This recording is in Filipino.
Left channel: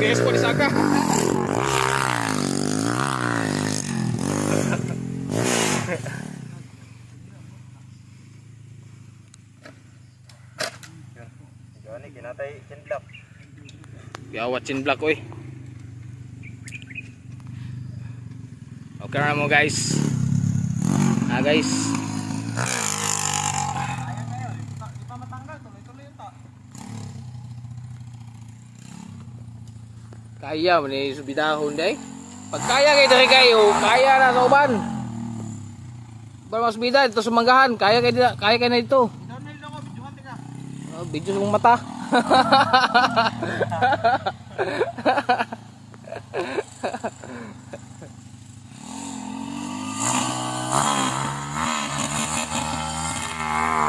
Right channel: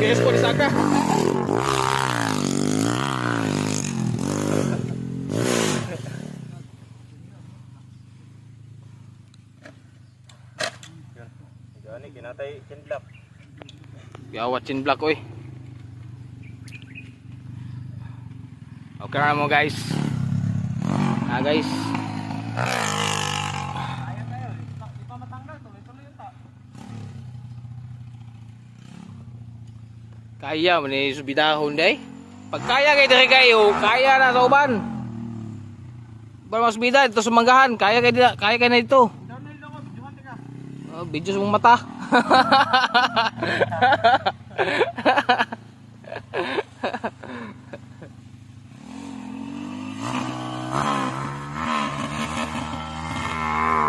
guys po saka. Gani kinatay chinlock. Gawat chinlock oy. Okay na mo guys. Guys. Ayan kayo, di pa matanggal, tuloy-tuloy yung ta. Kaya man ni subidahon day. Pag kaya kay diri kayo, kaya na sa uban. Ba mas bida dito sa manggahan, kaya kay na dito. Down na lang ako, videohan tika. Oh, video sa mong mata.